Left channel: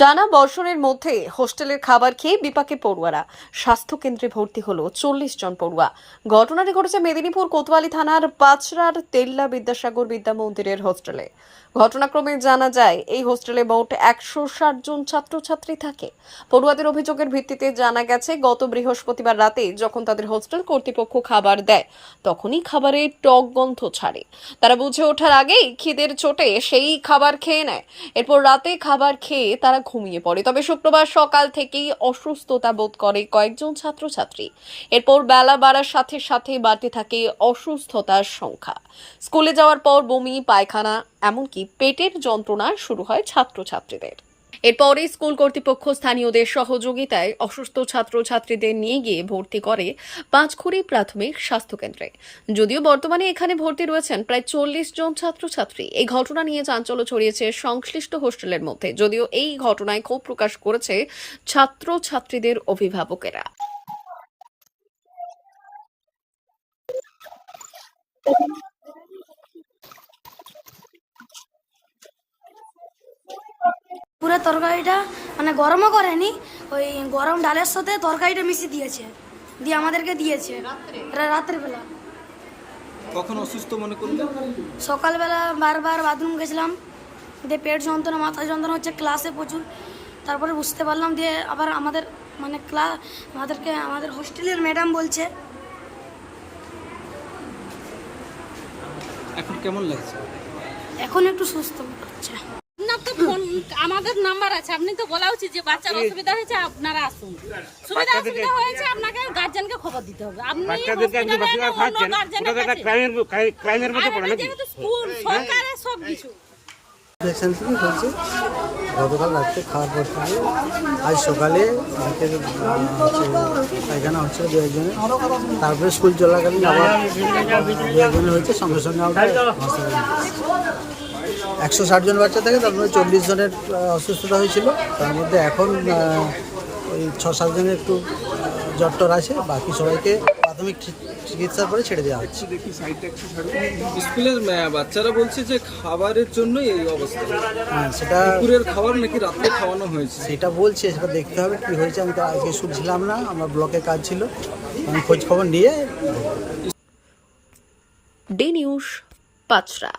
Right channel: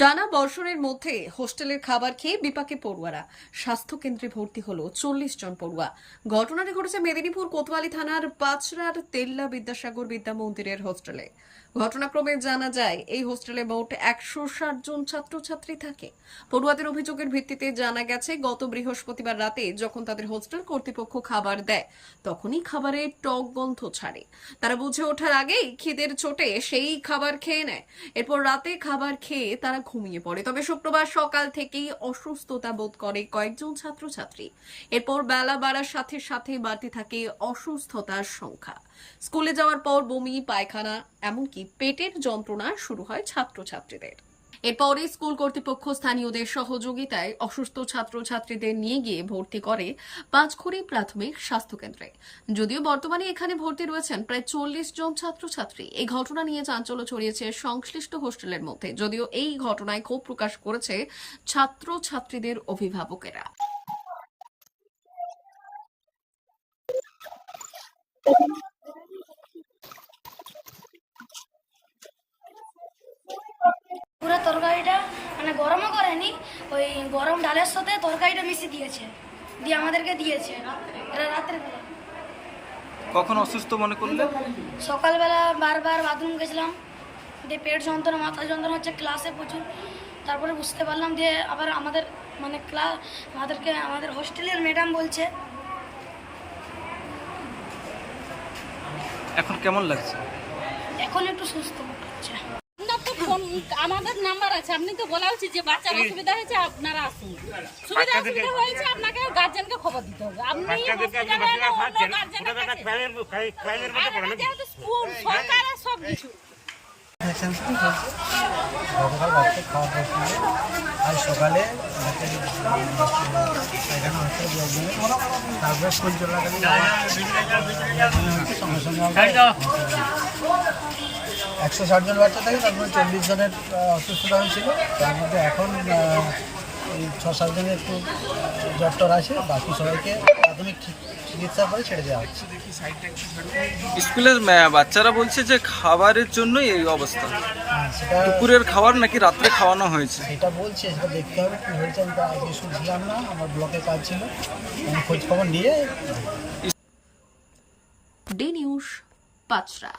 টানা বর্ষণের মধ্যে হোস্টেলের খাবার খেয়ে বিপাকে পড়ুয়ারা। স্বাস্থ্য কেন্দ্রে ভর্তি হলো 40 জন পড়ুয়া। ঘটনাটি ঘটেছে মেদিনীপুর কোতোয়ালি থানার পাঁচরার তেল্লা বিদ্যাসাগর বিদ্যা মন্দিরের হোস্টেলে। ঘটনাক্রমে জানা যায় এই হোস্টেলে মোট 160 জন ছাত্রছাত্রী থাকে। পড়ুয়াদের অভিযোগের ভিত্তিতে জানা গেছে গত বৃহস্পতিবার রাতে যখন তাদের হোস্টেল কর্তৃপক্ষ খাবার দেয় তখনই খাবারে টক গন্ধ ছাড়ে। তারা বুঝে ওঠার আগেই খিদের চোটে সেই খাবার খেয়ে নেয়। এরপর রাতে খাবার খেয়ে তারা ঘুমিয়ে পড়ে। তবে শুক্রবার সকাল থেকেই অসুস্থতা বোধ করে কয়েকজন ছাত্রছাত্রী। এরপর বেলা বাড়ার সাথে সাথে বাড়তে থাকে অসুস্থতার সংখ্যা। স্কুলে যাওয়ার পর বমি, পায়খানা, এমনকি পেটের যন্ত্রণা শুরু হয় ছাত্রছাত্রীদের। এরপরে স্কুল কর্তৃপক্ষ স্থানীয়দের সহযোগিতায় অসুস্থ ছাত্রছাত্রীদের নিয়ে গিয়ে ভর্তি করে পাঁচখুড়ি প্রাথমিক স্বাস্থ্যকেন্দ্রে। যদিও বর্তমানে এখানে ভর্তি রয়েছেন প্রায় 40 জন ছাত্রছাত্রী। এই ঘটনা নিয়ে চাঞ্চল্য ছড়িয়েছে সংশ্লিষ্ট হোস্টেলের মধ্যে। যদিও এই ঘটনায় ক্ষোভ প্রকাশ করেছে ছাত্রছাত্রীদের অভিভাবকেরা। পুরো তরকারিটা মানে গরমও করেনি, ওই গরম ডালের সাথে তরকারিটা মিশিয়ে দিয়েছে, দিয়ে আমাদেরকে দিয়েছে রাতের বেলা। কখন অসুস্থ মনে করলে? সকালবেলা বারবার বাথরুম গেছিলাম, দিয়ে পেট যন্ত্রণা, মাথা যন্ত্রণা হচ্ছে ক্লাসে প্রচুর। তারপরে বুঝতে পারলাম, দিয়ে আবার আমাদের হোস্টেলের ম্যাডাম বলছে। এখন কেমন লাগছে? এখন একটু সুস্থ হচ্ছে। আমাদের নাম্বার আছে, আপনি তো বলা উচিত যে বাচ্চার অসুবিধা হয়েছে আপনারা আসুন। অসুবিধা হয়েছে আপনাকে গার্জেনকে খবর দিতে হবে। আপনি যেহেতু স্কুল সরকারের সব কিছু গতকাল রাত্রে খাওয়ার পর থেকে আজ সকালে এখানে হচ্ছে 2 জনের, তারপরে স্কুল চলাকালীন আবার 2 জনের হচ্ছে, সঙ্গে সঙ্গে 160 জন বাচ্চা থাকে, তার মধ্যে 40 জনের অসুস্থতা হয়েছিল। তার মধ্যে এখন ওই 6-7 জনের একটু জ্বর আছে, বাকি সবাইকে প্রাথমিক চিকিৎসার পরে ছেড়ে দেওয়া হচ্ছে। স্কুলের বাচ্চারা বলছে যে খাবারের জন্যই এই অবস্থা। হ্যাঁ, সেটা দুপুরের খাবার নাকি রাত্রে খাওয়ানো হয়েছে, সেটা বলছে, সেটা দেখতে হবে কী হয়েছে। আমি তো আজকে শুনছিলাম না, আমার ব্লকে কাজ ছিল, আমি খোঁজ খবর নিয়ে। D news, Panchra.